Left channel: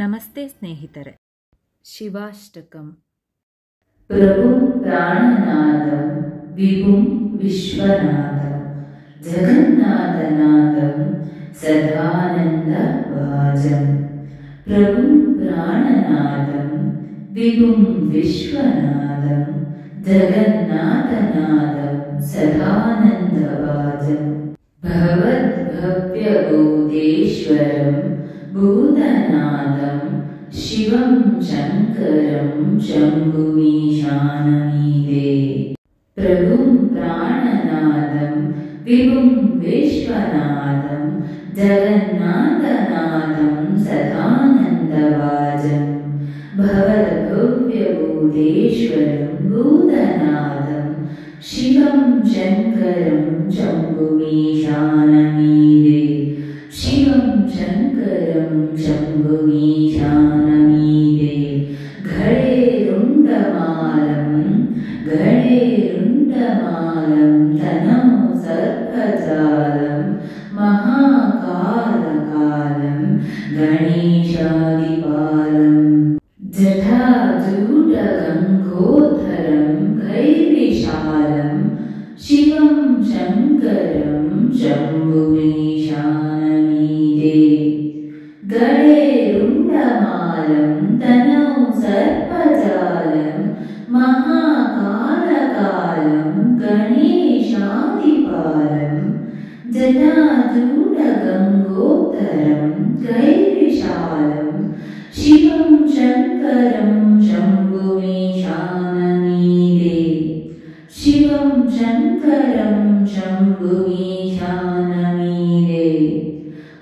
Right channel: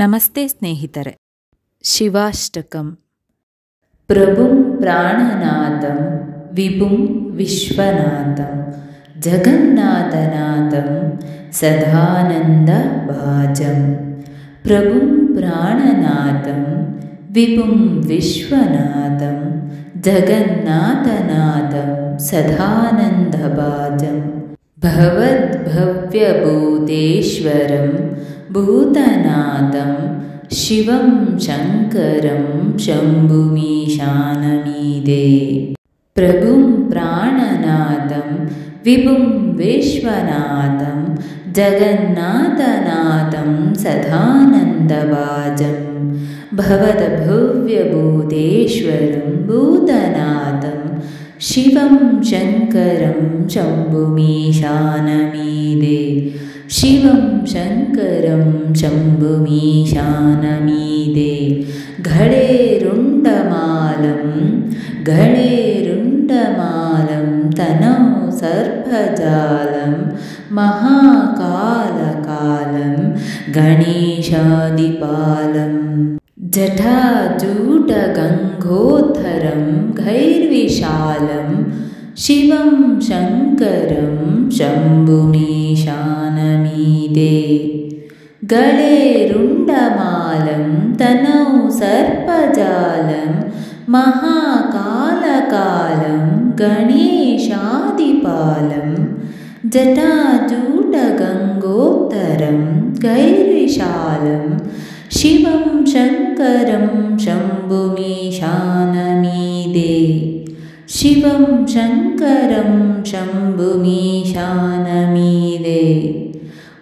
ನಮಸ್ತೆ ಸ್ನೇಹಿತರೆ. ಶಿವಾಷ್ಟಕಂ. ಪ್ರಭುಂ ಪ್ರಾಣನಾಥಂ ವಿಭುಂ ವಿಶ್ವನಾಥಂ ಜಗನ್ನಾಥನಾಥಂ ಸದಾನಂದಭಾಜಂ. ಪ್ರಭುಂ ಪ್ರಾಣನಾಥಂ ವಿಭುಂ ವಿಶ್ವನಾಥಂ ಜಗನ್ನಾಥನಾಥಂ ಸದಾನಂದಭಾಜಂ. ಭವದ್ಭವ್ಯಭೂತೇಶ್ವರಂ ಭೂತನಾಥಂ ಶಿವಂ ಶಂಕರಂ ಶಂಭುಮೀಶಾನಮೀದೆ. ಪ್ರಭುಂ ಪ್ರಾಣನಾಥಂ ವಿಭುಂ ವಿಶ್ವನಾಥಂ ಜಗನ್ನಾಥನಾಥಂ ಸದಾನಂದಭಾಜಂ. ಭವದ್ಭವ್ಯಭೂತೇಶ್ವರಂ ಭೂತನಾಥಂ ಶಿವಂ ಶಂಕರಂ ಶಂಭುಮೀಶಾನಮೀದೆ. ಶಿವಂ ಶಂಕರಂ ಶಂಭುಮೀಶಾನಮೀದೆ. ಘಳೇರುಂಡಮಾಲಂ ಘಳೇರುಂಡಮಾಲಂ ತನೌ ಸರ್ಪಜಾಲಂ ಮಹಾಕಾಲಕಾಲಂ ಗಣೇಶಾದಿಪಾಲಂ. ಜಟಾಜೂಟಗಂಗೋದ್ಧರಂ ಘೈರ್ವಿಶಾಲಂ ಶಿವಂ ಶಂಕರಂ ಶಂಭುಮೀಶಾನಮೀದೆ. ಗಳೇರುಂಡಮಾಲಂ ತನೌ ಸರ್ಪಜಾಲಂ ಮಹಾಕಾಲಕಾಲಂ ಗಣೇಶಾದಿಪಾಲಂ. ಜಟಾಜೂಟಗಂಗೋತ್ತರಂ ಗೈರ್ವಿಶಾಲಂ ಶಿವಂ ಶಂಕರಂ ಶಂಭುಮೀಶಾನಮೀದೆ. ಶಿವಂ ಶಂಕರಂ ಶಂಭುಮೀಶಾನಮೀದೆ.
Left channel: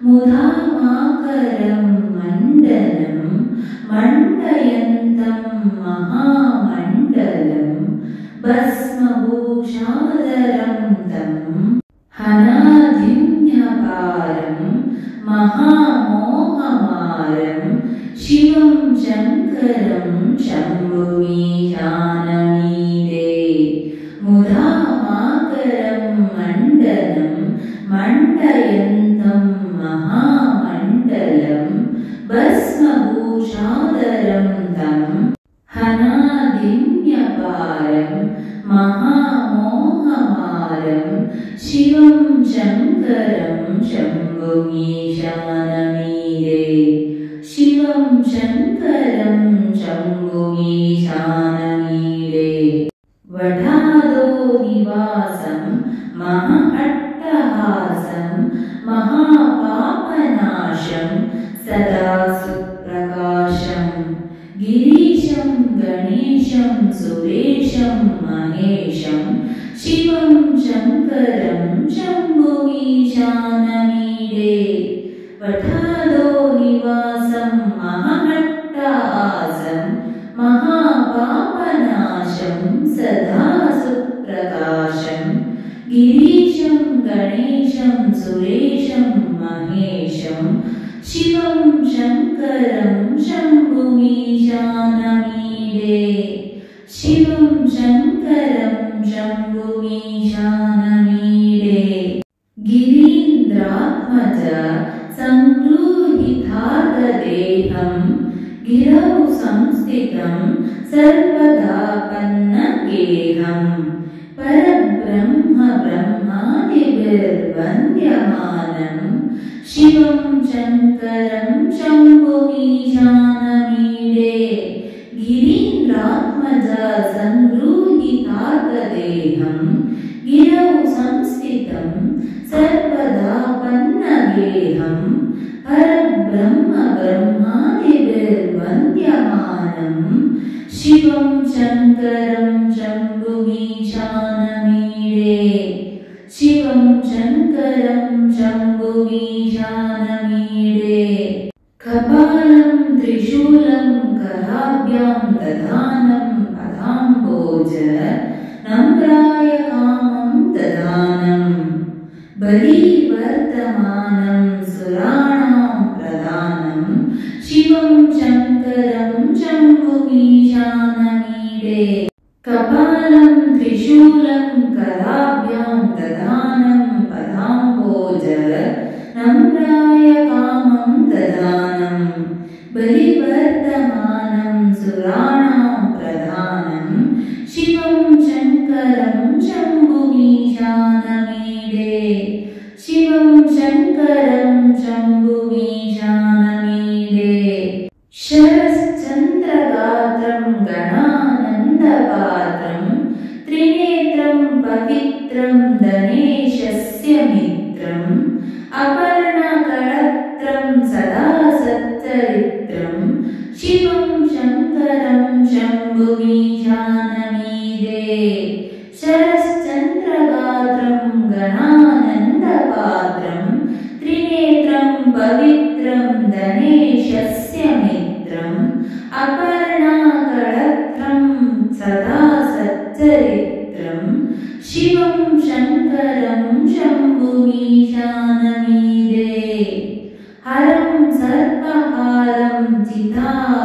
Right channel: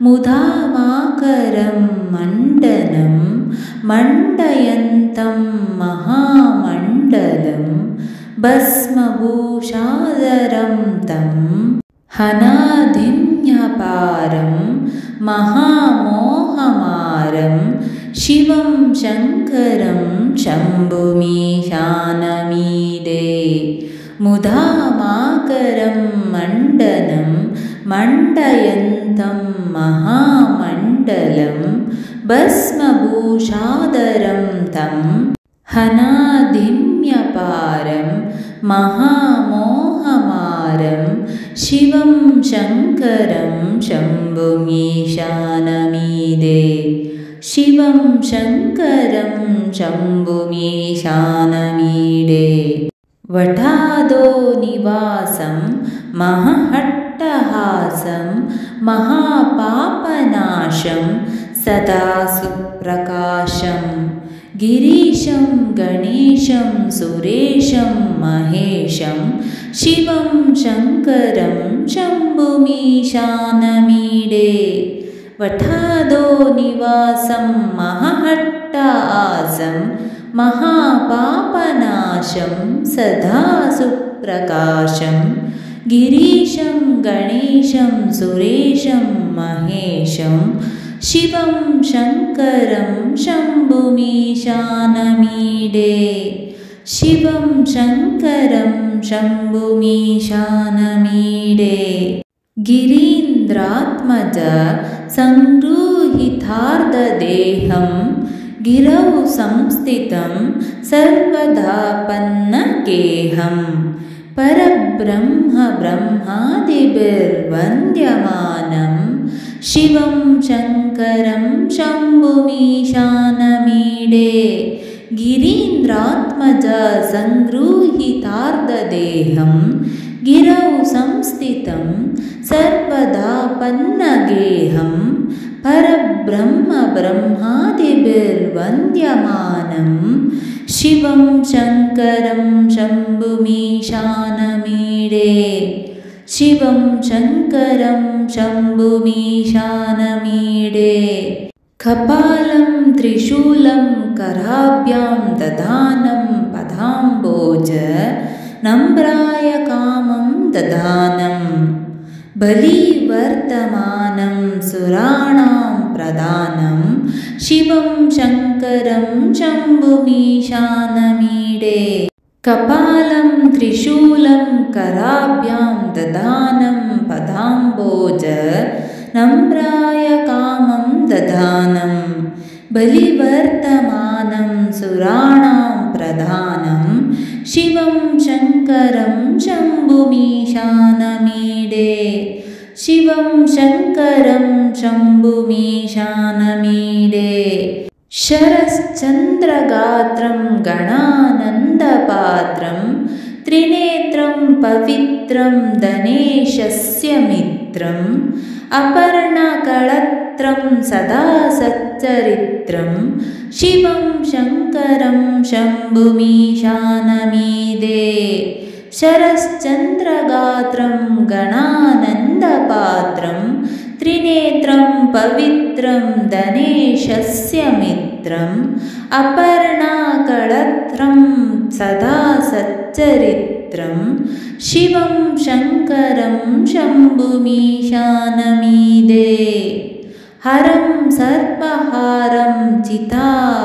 ಮುದಾಮಾಕರಂ ಮಂಡನಂ ಮಂಡಯಂತಂ ಮಹಾಮಂಡಲಂ ಭಸ್ಮಭೂಷಾಧರಂ तं ಹನಾಧಿನ್ಯಪಾರಂ ಮಹಾಮೋಹಮಾರಂ ಶಿವಂ ಶಂಕರಂ ಶಂಭುಮೀಶಾನಮೀದೆ. ಮುದಾಮಾಕರಂ ಮಂಡನಂ ಮಂಡಯಂತಂ ಮಹಾಮಂಡಲಂ ಭಸ್ಮಭೂಷಾಧರಂ तं ಹನಾಧಿನ್ಯಪಾರಂ ಮಹಾಮೋಹಮಾರಂ ಶಿವಂ ಶಂಕರಂ ಶಂಭುಮೀಶಾನಮೀದೆ. ಶಿವಂ ಶಂಕರಂ ಶಂಭುಮೀಶಾನಮೀಡೆ. ವಠಾದೋ ನಿವಾಸಂ ಮಹಾಟ್ಟಹಾಸಂ ಮಹಾಪಾಪನಾಶಂ ಸದಾ ಸುಪ್ರಕಾಶಂ. ಗಿರೀಶಂ ಗಣೇಶಂ ಸುರೇಶಂ ಮಹೇಶಂ ಶಿವಂ ಶಂಕರಂ ಶಂಭುಮೀಶಾನಮೀಡೆ. ವಠಾದೋ ನಿವಾಸಂ ಮಹಾಟ್ಟಹಾಸಂ ಮಹಾಪಾಪನಾಶಂ ಸದಾ ಸುಪ್ರಕಾಶಂ. ಗಿರೀಶಂ ಗಣೇಶಂ ಸುರೇಶಂ ಮಹೇಶಂ ಶಿವಂ ಶಂಕರಂ ಶಂಭುಮೀಶಾನಮೀಡೆ. ಶಿವಂ ಶಂಕರಂ ಶಂಭುಮೀಶಾನಮೀಡೆ. ಗಿರೀಂದ್ರಾತ್ಮಜ ಸಂಗೃಹೀತಾರ್ಧದೇಹಂ ಗಿರೌ ಸಂಸ್ಥಿತಂ ಸರ್ವದಾಪನ್ನಗೇಹಂ. ಪರಬ್ರಹ್ಮ ಬ್ರಹ್ಮಾದಿಭಿರ್ವಂದ್ಯಮಾನಂ ಶಿವಂ ಶಂಕರಂ ಶಂಭುಮೀಶಾನಮೀಡೆ. ಗಿರೀಂದ್ರಾತ್ಮಜ ಸಂಗೃಹೀತಾರ್ಧದೇಹಂ ಗಿರೌ ಸಂಸ್ಥಿತಂ ಸರ್ವದಾಪನ್ನಗೇಹಂ. ಪರಬ್ರಹ್ಮ ಬ್ರಹ್ಮಾದಿಭಿರ್ವಂದ್ಯಮಾನಂ ಶಿವಂ ಶಂಕರಂ ಶಂಭುಮೀಶಾನಮೀಡೆ. ಶಿವಂ ಶಂಕರಂ ಶಂಭುಮೀಶಾನಮೀಡೆ. ಕಪಾಲಂ ತ್ರಿಶೂಲಂ ಕರಾಭ್ಯಾಂ ದಧಾನಂ ಪದಾಂಬೋಜ ನಮ್ರಾಯ ಕಾಮಂ ದಧಾನಂ. ಬಲಿವರ್ಧಮಾನಂ ಸುರಾಣಾಂ ಪ್ರಧಾನಂ ಶಿವಂ ಶಂಕರಂ ಶಂಭುಮೀಶಾನಮೀಡೆ. ಕಪಾಲಂ ತ್ರಿಶೂಲಂ ಕರಾಭ್ಯಾಂ ದಧಾನಂ ಪದಾಂಬೋಜ ನಮ್ರಾಯ ಕಾಮಂ ದಧಾನಂ. ಬಲಿ शिवं शङ्करं शम्भुमीशानमीडे शरश्चन्द्रगात्रं गणानन्दपात्रं त्रिनेत्रं पवित्रं धनेशस्य मित्रम् अपर्णकळत्रं सदा सच्चरित्रं शिवं शङ्करं शम्भुमीशानमीडे शरश्चन्द्रगात्रं गणानन्दपात्रं त्रिनेत्रं पवित्रं धनेशस्य मित्रम् अपर्णकळत्रं सदा सच्चरित्रं शिवं शङ्करं शम्भुमीशानमीडे हरं सर्पहारं चिताभूविहारं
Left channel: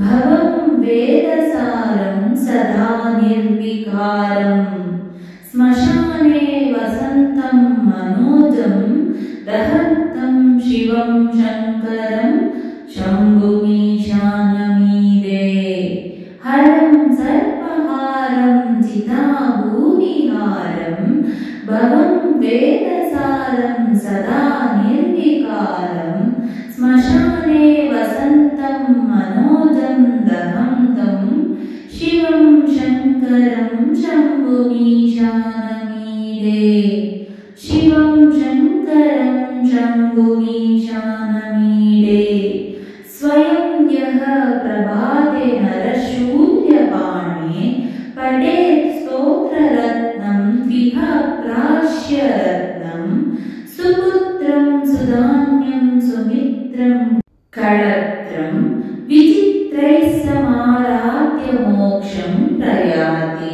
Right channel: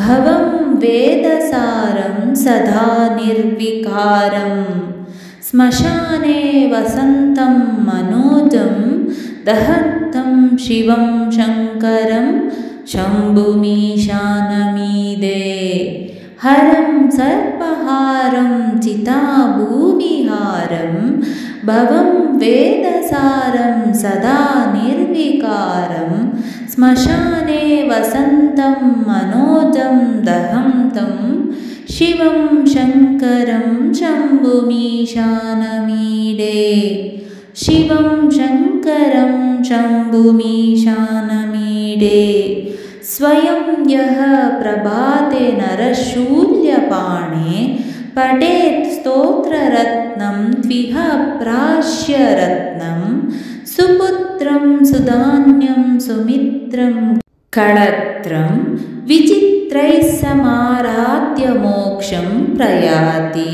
भवं वेदसारं सदा निर्विकारं श्मशाने वसन्तं मनोजं दहन्तं शिवं शङ्करं शम्भुमीशानमीडे हरं सर्पहारं चिताभूविहारं भवं वेदसारं सदा निर्विकारं श्मशाने वसन्तं मनोजं दहन्तं शिवं शङ्करं शम्भुमीशानमीडे शिवं शङ्करं शम्भुमीशानमीडे स्वयं यः प्रभाते नरशूल्यपाणे पठेत् स्तोत्ररत्नं त्विह प्राश्यरत्नं सुपुत्रं सुधान्यं सुमित्रं कळत्रं विचित्रैः समाराध्य मोक्षं प्रयाति।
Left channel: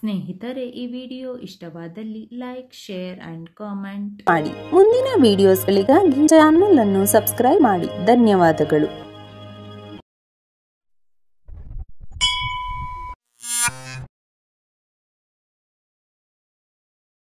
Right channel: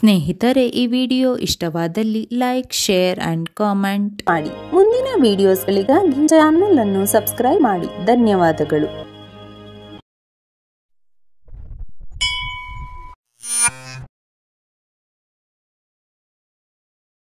ಸ್ನೇಹಿತರೆ, ಈ ವಿಡಿಯೋ ಇಷ್ಟವಾದಲ್ಲಿ ಲೈಕ್, ಶೇರ್ ಅಂಡ್ ಕಾಮೆಂಟ್ ಮಾಡಿ. ಮುಂದಿನ ವಿಡಿಯೋಸ್ಗಳಿಗಾಗಿ ಚಾನೆಲ್ ಅನ್ನು ಸಬ್ಸ್ಕ್ರೈಬ್ ಮಾಡಿ. ಧನ್ಯವಾದಗಳು.